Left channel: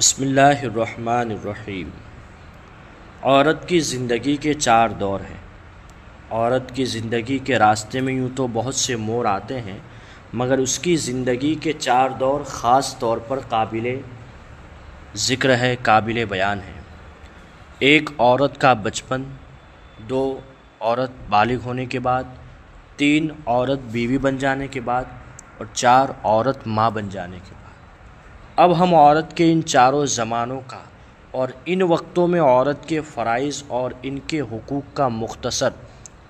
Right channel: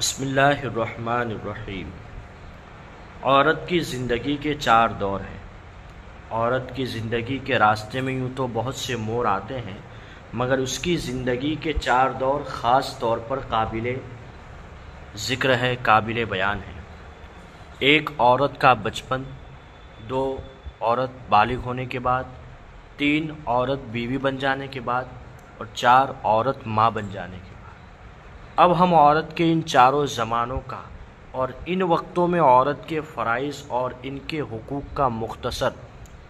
بسم اللہ الرحمن الرحیم۔ عورت کی زندگی کے 4 دور ہیں۔ عورت کی زندگی کے راستے میں یوں تو بہت سے موڑ آتے ہیں، مگر اس کی زندگی کے 4 دور خاص طور پر قابل ذکر ہے، قابل بیان ہے۔ 1 عورت کا بچپن، 2 عورت بالغ ہونے کے بعد، 3 عورت بیوی بن جانے کے بعد، اور 4 عورت ماں بن جانے کے بعد۔ اب ہم عورت کے ان چاروں زمانوں کا اور ان وقتوں میں عورت کے فرائض اور ان کے حقوق کا مختصر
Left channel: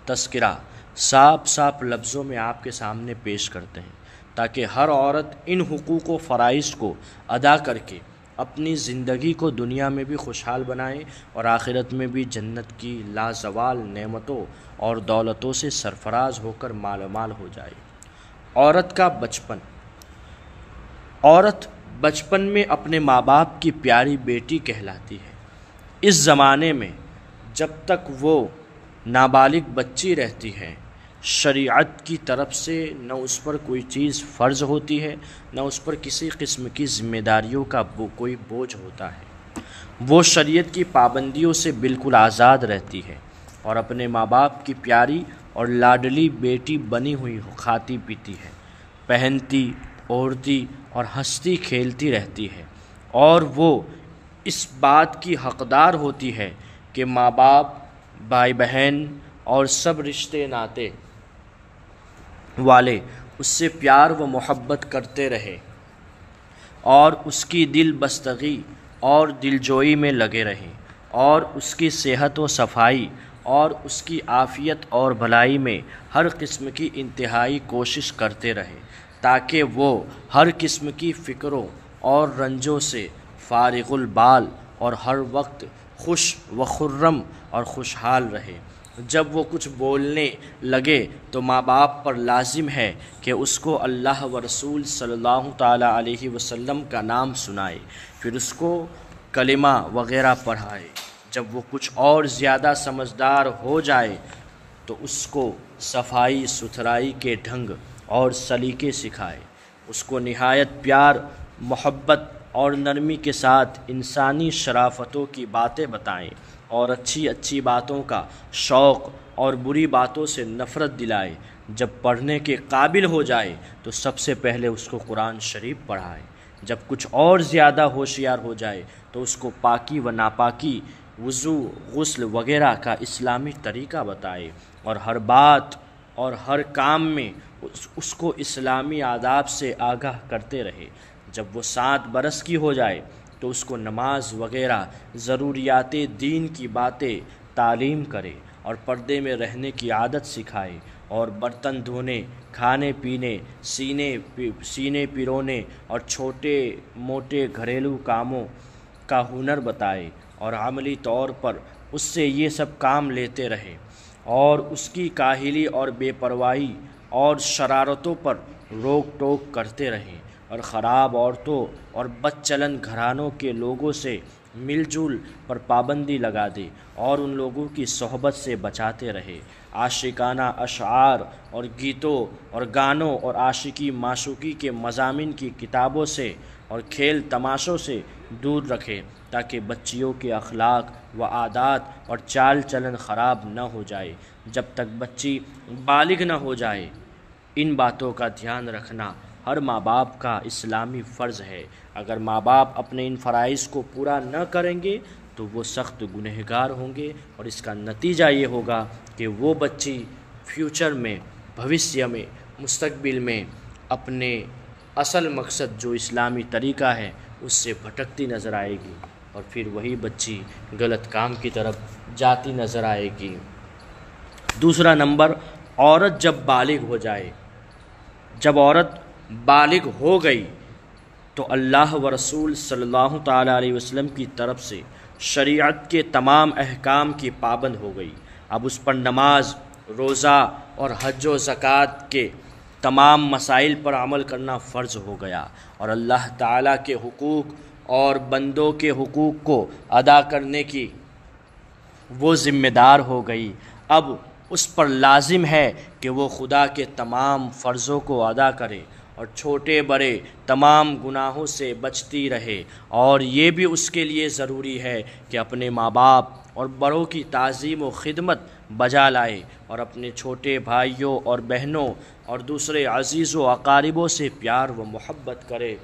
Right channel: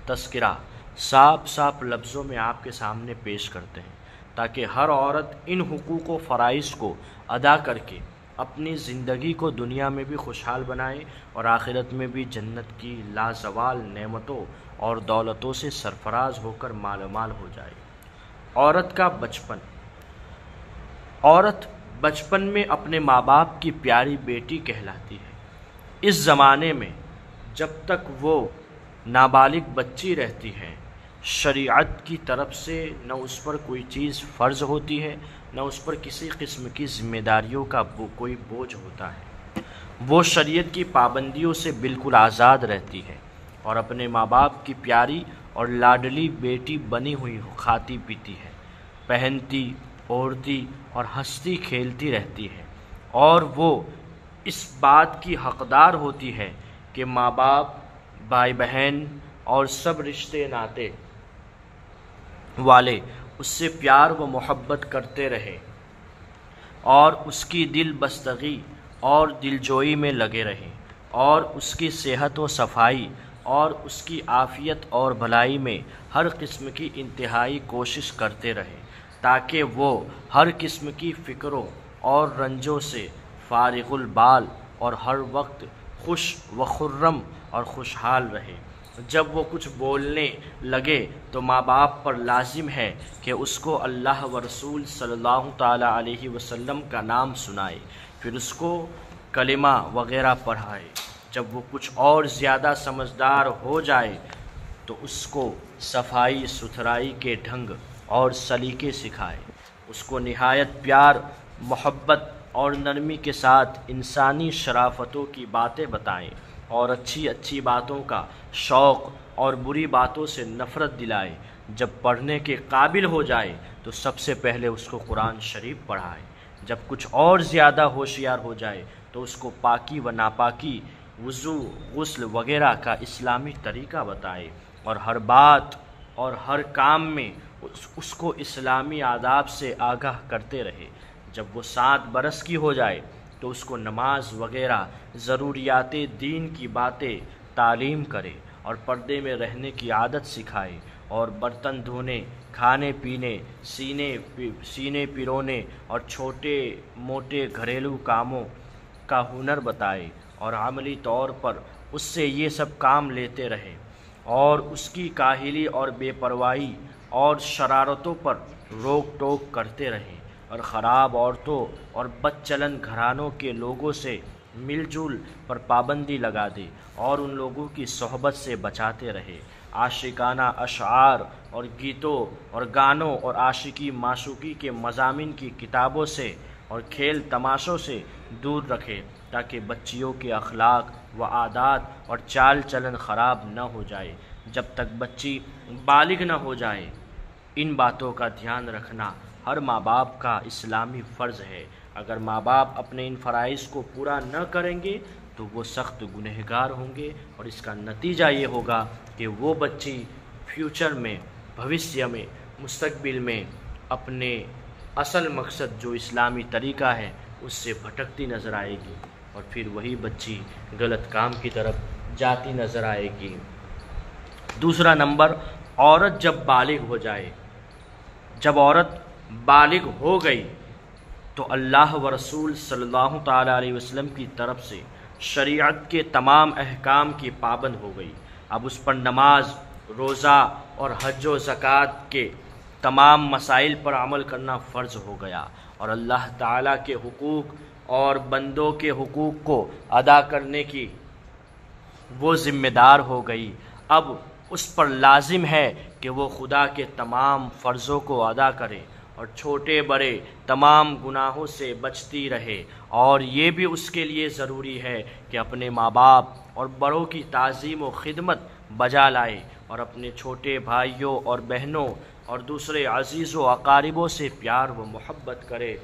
تذکرہ صاف لفظوں میں آپ کے سامنے پیش کرتے ہیں، تاکہ ہر عورت ان حقوق و فرائض کو ادا کر کے اپنی زندگی کو دنیا میں بھی خوشحال بنائے اور آخرت میں بھی جنت کی لازوال نعمتوں اور دولتوں سے سرفراز ہو کر مال مال ہو جائے۔ عورت کا بچپن۔ عورت بچپن میں اپنے ماں باپ کی پیاری بیٹی کہلاتی ہے۔ اس زمانے میں جب تک وہ نابالغ بچی رہتی ہے، شریعت کی طرف سے نہ اس پر کوئی چیز فرض ہوتی ہے، نہ اس پر کسی قسم کی ذمہ داریوں کا کوئی بوجھ ہوتا ہے۔ وہ شریعت کی پابندیوں سے بالکل آزاد رہتی ہے اور اپنے ماں باپ کی پیاری اور لاڈلی بیٹی بنی ہوئی کھاتی پیتی ہے، پہنتی اوڑھتی اور ہنستی کھیلتی رہتی ہے، اور وہ اس بات کی حقدار ہوتی ہے کہ ماں باپ، بھائی بہن اور سب رشتے ناتے والے اس سے پیار و محبت کرتے رہے اور اس کی دل بستگی اور دلجوئی میں لگے رہیں، اور اس کی صحت و صفائی اور اس کی عافیت اور بھلائی میں ہر قسم کی انتہائی کوشش کرتے رہیں، تاکہ وہ ہر قسم کی فکروں اور رنجوں سے فارغ البال اور ہر وقت خوش و خرم اور خوشحال رہے۔ جب وہ کچھ بولنے لگے تو ماں باپ پر لازم ہے کہ اس کو اللہ و رسول صلی اللہ تعالیٰ علیہ وسلم کا نام سنائے، پھر اس کو کلمہ وغیرہ پڑھائے۔ جب وہ کچھ اور زیادہ سمجھدار ہو جائے تو اس کو صفائی ستھرائی کے ڈھنگ اور سلیقے سکھائے، اس کو نہایت پیار، محبت اور نرمی کے ساتھ انسانی شرافتوں کی باتیں بتائیں، اور اچھی باتوں کا شوق اور بری باتوں سے نفرت دلائے۔ جب پڑھنے کے قابل ہو جائے تو سب سے پہلے اس کو قرآن شریف پڑھائے۔ جب کچھ اور زیادہ ہوشیار ہو جائے تو اس کو پاکی و ناپاکی، وضو، غسل وغیرہ کا اسلامی طریقہ بتائے، اور ہر بات اور ہر کام میں اس کو اسلامی آداب سے آگاہ کرتے رہے۔ جب وہ 7 برس کی ہو جائے تو اس کو نماز وغیرہ ضروریات دین کی باتیں تعلیم کرے اور پردے میں رہنے کی عادت سکھائے، اور برتن دھونے، کھانے پینے، سینے پیرونے اور چھوٹے موٹے گھریلو کاموں کا ہنر بتائے، اور عملی طور پر اس سے یہ سب کام لیتے رہے، اور اس کی کاہلی اور بے پرواہی اور شرارتوں پر روک ٹوک کرتے رہیں، اور خراب عورتوں اور بد چلن گھرانوں کے لوگوں سے مل جل پر پابندی لگا دے اور ان لوگوں کی صحبت سے بچاتے رہے۔ عاشقانہ اشعار اور گیتوں اور گانوں اور عاشقی معشوقی کے مضامین کی کتابوں سے اور کھیل تماشوں سے دور رکھے، تاکہ بچیوں کے اخلاق و عادات اور چال چلن خراب نہ ہو جائے۔ جب تک بچی بالغ نہ ہو جائے، ان باتوں کا دھیان رکھنا ہر ماں باپ کا اسلامی فرض ہے۔ اگر ماں باپ اپنے ان فرائض کو پورا نہ کریں گے تو وہ سخت گنہگار ہوں گے، اور اس کا نتیجہ یہ ہوگا کہ وہ بچی فیوچر میں، بھوشیہ میں، مستقبل میں اپنے اصل مقصد جو اسلامی طریقہ ہے اس سے بھٹکتی نظر آئے گی، اور پھر وہی بچی غلط کام کی طرف جاتی نظر آئے گی۔ دوسرا نمبر، عورت جب بالغ ہو جائے۔ جب عورت بالغ ہو گئی تو اللہ و رسول صلی اللہ تعالیٰ علیہ وسلم کی طرف سے شریعت کے تمام احکام کی پابند ہو گئی۔ اب اس پر نماز، روزہ اور حج و زکوٰۃ کے تمام مسائل پر عمل کرنا فرض ہو گیا، اور اللہ تعالیٰ کے حقوق اور بندوں کے حقوق کو ادا کرنے کی وہ ذمہ دار ہو گئی۔ اب اس پر لازم ہے کہ وہ خدا کے تمام فرضوں کو ادا کرے اور چھوٹے بڑے تمام گناہوں سے بچتی رہے، اور یہ بھی اس کے لیے ضروری ہے کہ اپنے ماں باپ اور بڑوں کی تعظیم و خدمت بجا لائے، اور اپنے چھوٹے بھائیوں اور بہنوں اور دوسرے عزیز و اقاربوں سے پیار و محبت کرے،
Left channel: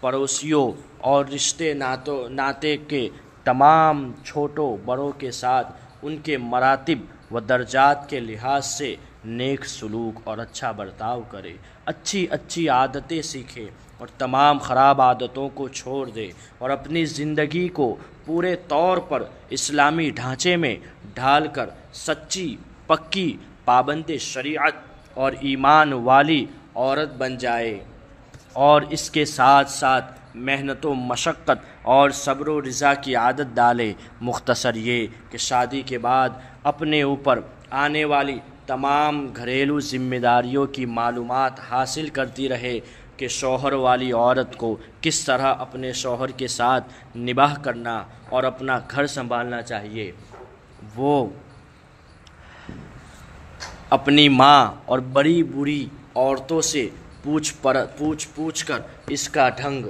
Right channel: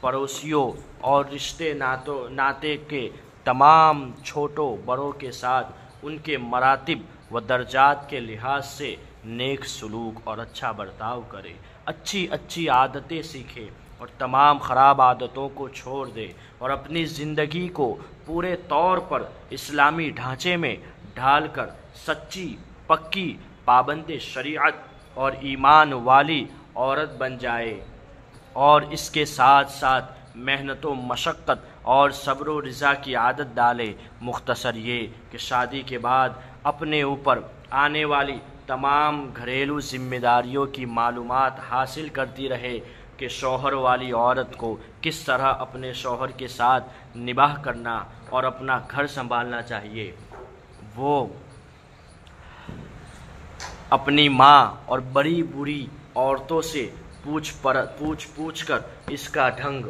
پڑوسیوں اور رشتے ناطے کے تمام چھوٹوں بڑوں کے ساتھ ان کے مراتب و درجات کے لحاظ سے نیک سلوک اور اچھا برتاؤ کرے، اچھی عادتیں سیکھے اور تمام خراب عادتوں کو چھوڑ دے، اور اپنی زندگی کو پورے طور پر اسلامی ڈھانچے میں ڈھال کر سچی پکی پابند شریعت اور ایمان والی عورت بن جائے، اور اس کے ساتھ ساتھ محنت و مشقت اور صبر و رضا کی عادت ڈالے۔ مختصر یہ کہ شادی کے بعد اپنے اوپر آنے والی تمام گھریلو ذمہ داریوں کی معلومات حاصل کرتی رہے کہ شوہر والی عورت کو کس طرح اپنے شوہر کے ساتھ نباہ کرنا اور اپنا گھر سنبھالنا چاہیے۔ وہ اپنی ماں اور بڑی بوڑھی عورتوں سے پوچھ کر اس کا ڈھنگ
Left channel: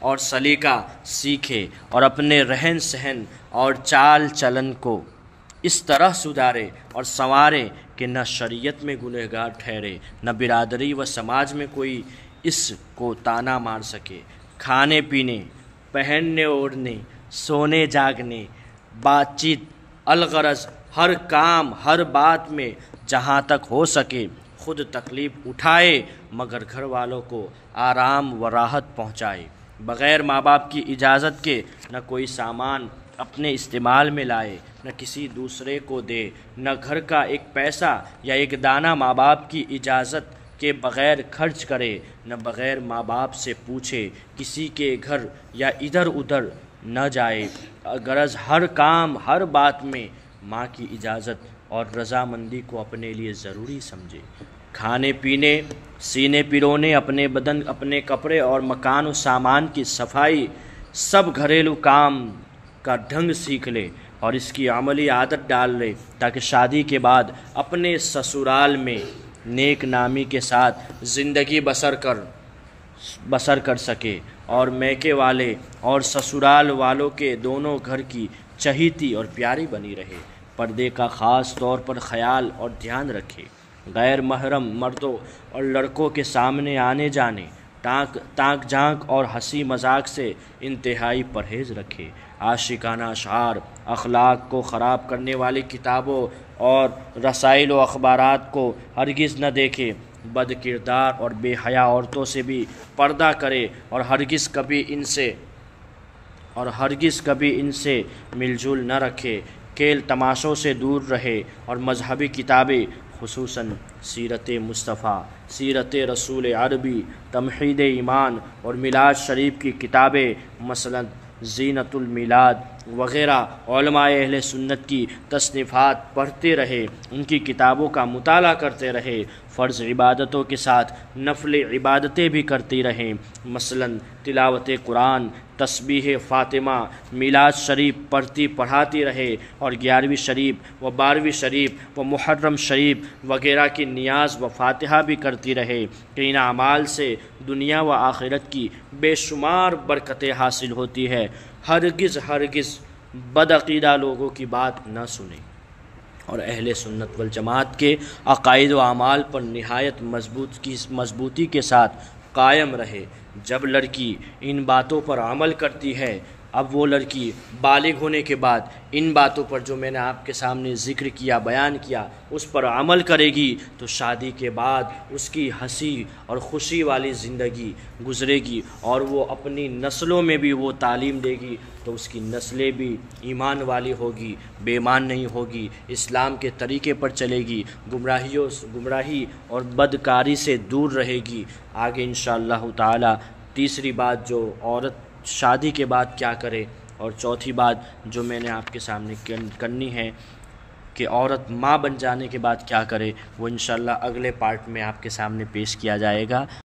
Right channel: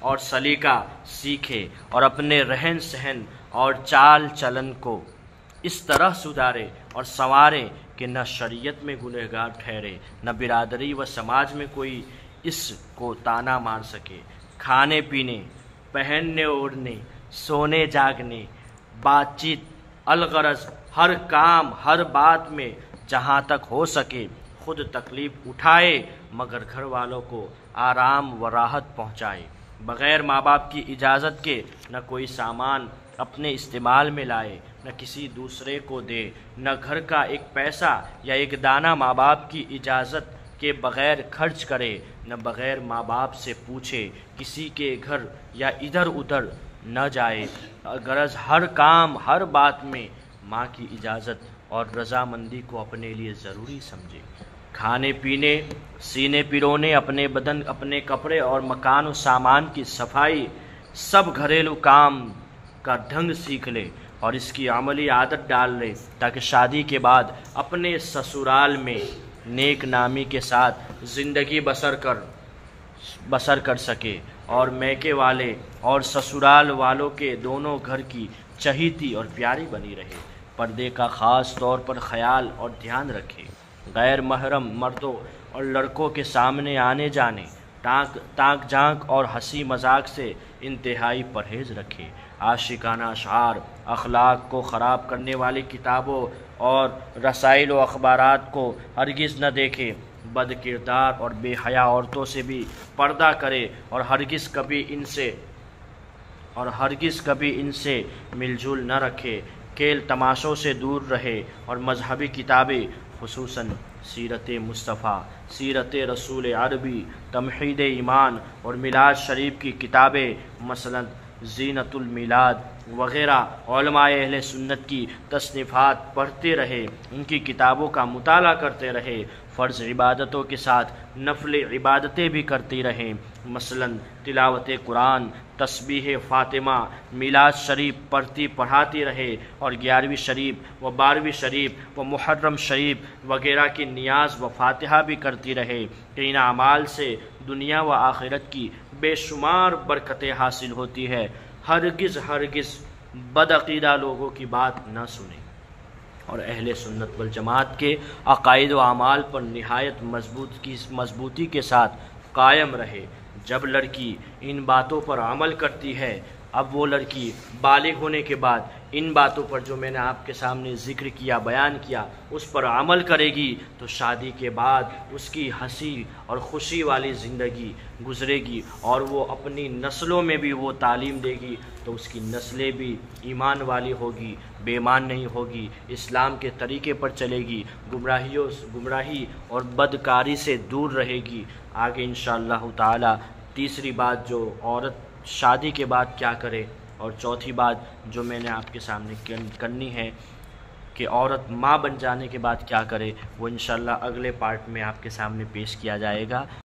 اور سلیقہ سیکھے، اور اپنے رہن سہن اور چال چلن کو اس طرح سدھارے اور سنوارے کہ نہ شریعت میں گنہگار ٹھہرے، نہ برادری و سماج میں کوئی اس کو طعنہ مار سکے۔ کھانے پینے، پہننے اوڑھنے، سونے جاگنے، بات چیت، الغرض ہر کام ہر بات میں جہاں تک ہو سکے خود تکلیف اٹھائے، مگر گھر والوں کو آرام و راحت پہنچائے، بغیر ماں باپ کی اجازت کے نہ کوئی سامان اپنے استعمال میں لائے، نہ کسی دوسرے کو دے، نہ گھر کا ایک پیسہ یا ایک دانہ ماں باپ کی اجازت کے بغیر خرچ کرے، نہ بغیر ماں باپ سے پوچھے کسی کے گھر یا ادھر ادھر نہ جائے، غرض ہر کام ہر بات میں ماں کی اجازت اور رضامندی کو اپنے لیے ضروری سمجھے۔ کھانے پینے، سینے پیرونے، اپنے بدن، اپنے کپڑے اور مکان و سامان کی صفائی، سب گھریلو کام کا ڈھنگ سیکھ لے اور اس کی عملی عادت ڈال لے، تاکہ شادی کے بعد اپنے سسرال میں نیک نامی کے ساتھ زندگی بسر کر سکے، اور میکے والے اور سسرال والوں کے دونوں گھر کی چہیتی اور پیاری بنی رہے۔ پردے کا خاص طور پر خیال اور دھیان رکھے، غیر محرم مردوں اور لڑکوں کے سامنے آنے جانے، تانک جھانک اور ہنسی مذاق سے انتہائی پرہیز رکھے، عاشقانہ اشعار، اخلاق کو خراب کرنے والی کتابوں اور رسائل و اخبارات کو ہرگز نہ دیکھے، بد کردار اور بے حیا عورتوں سے بھی پردہ کرے، اور ہرگز کبھی ان سے مل جل نہ رکھے، کھیل تماشوں سے دور رہے، اور مذہبی کتابیں خصوصاً سیرت مصطفیٰ، سیرت رسول عربی، تمہید ایمان اور میلاد شریف کی کتابیں مثلاً زینت المیلاد وغیرہ علماء اہل سنت کی تصنیفات پڑھتے رہے، ان کی کتابوں کا مطالعہ کرتے رہے، فرض عبادتوں کے ساتھ نفل عبادتیں بھی کرتی رہیں، مثلاً تلاوت قرآن، تسبیح فاطمہ، میلاد شریف پڑھاتی رہے، اور 11ویں شریف و 12ویں شریف و محرم شریف وغیرہ کی نیاز و فاتحہ بھی کرتی رہے، کہ ان اعمال سے دنیا و آخرت کی بے شمار برکتیں حاصل ہوتی ہے۔ ہرگز بدعقیدہ لوگوں کی بات نہ سنیں، اور اہل سنت والجماعت کے عقائد و اعمال پر نہایت مضبوطی کے ساتھ قائم رہے۔ جب لڑکی ان باتوں پر عمل کرتی ہے، اب وہ لڑکی بالغ ہونے کے بعد ان باتوں پر جو میں نے آپ کے سامنے ذکر کیا، بیان کیا، اس پر عمل کرے گی تو شادی کے بعد اس کی ہنسی اور خوشی والی زندگی گزرے گی، اور وہ اپنی نسلوں میں بھی وہ تعلیم دے گی تو اس کی نسلیں بھی ایمان والی ہوگی، بے ایمان نہیں ہوگی، اسلام کے طریقے پر چلے گی، گمراہی اور بدکاری سے دور رہے گی۔ آگے انشاءاللہ تعالی تیسری بات جو عورت شادی کے بعد کیا کرے، اور چوتھی بات جو میں نے آپ کے سامنے کرنی ہے کہ عورت ماں بن جانے کے بعد کیا کرے، وہ انشاءاللہ اگلے پارٹ میں آپ کے سامنے پیش کیا جائے گا۔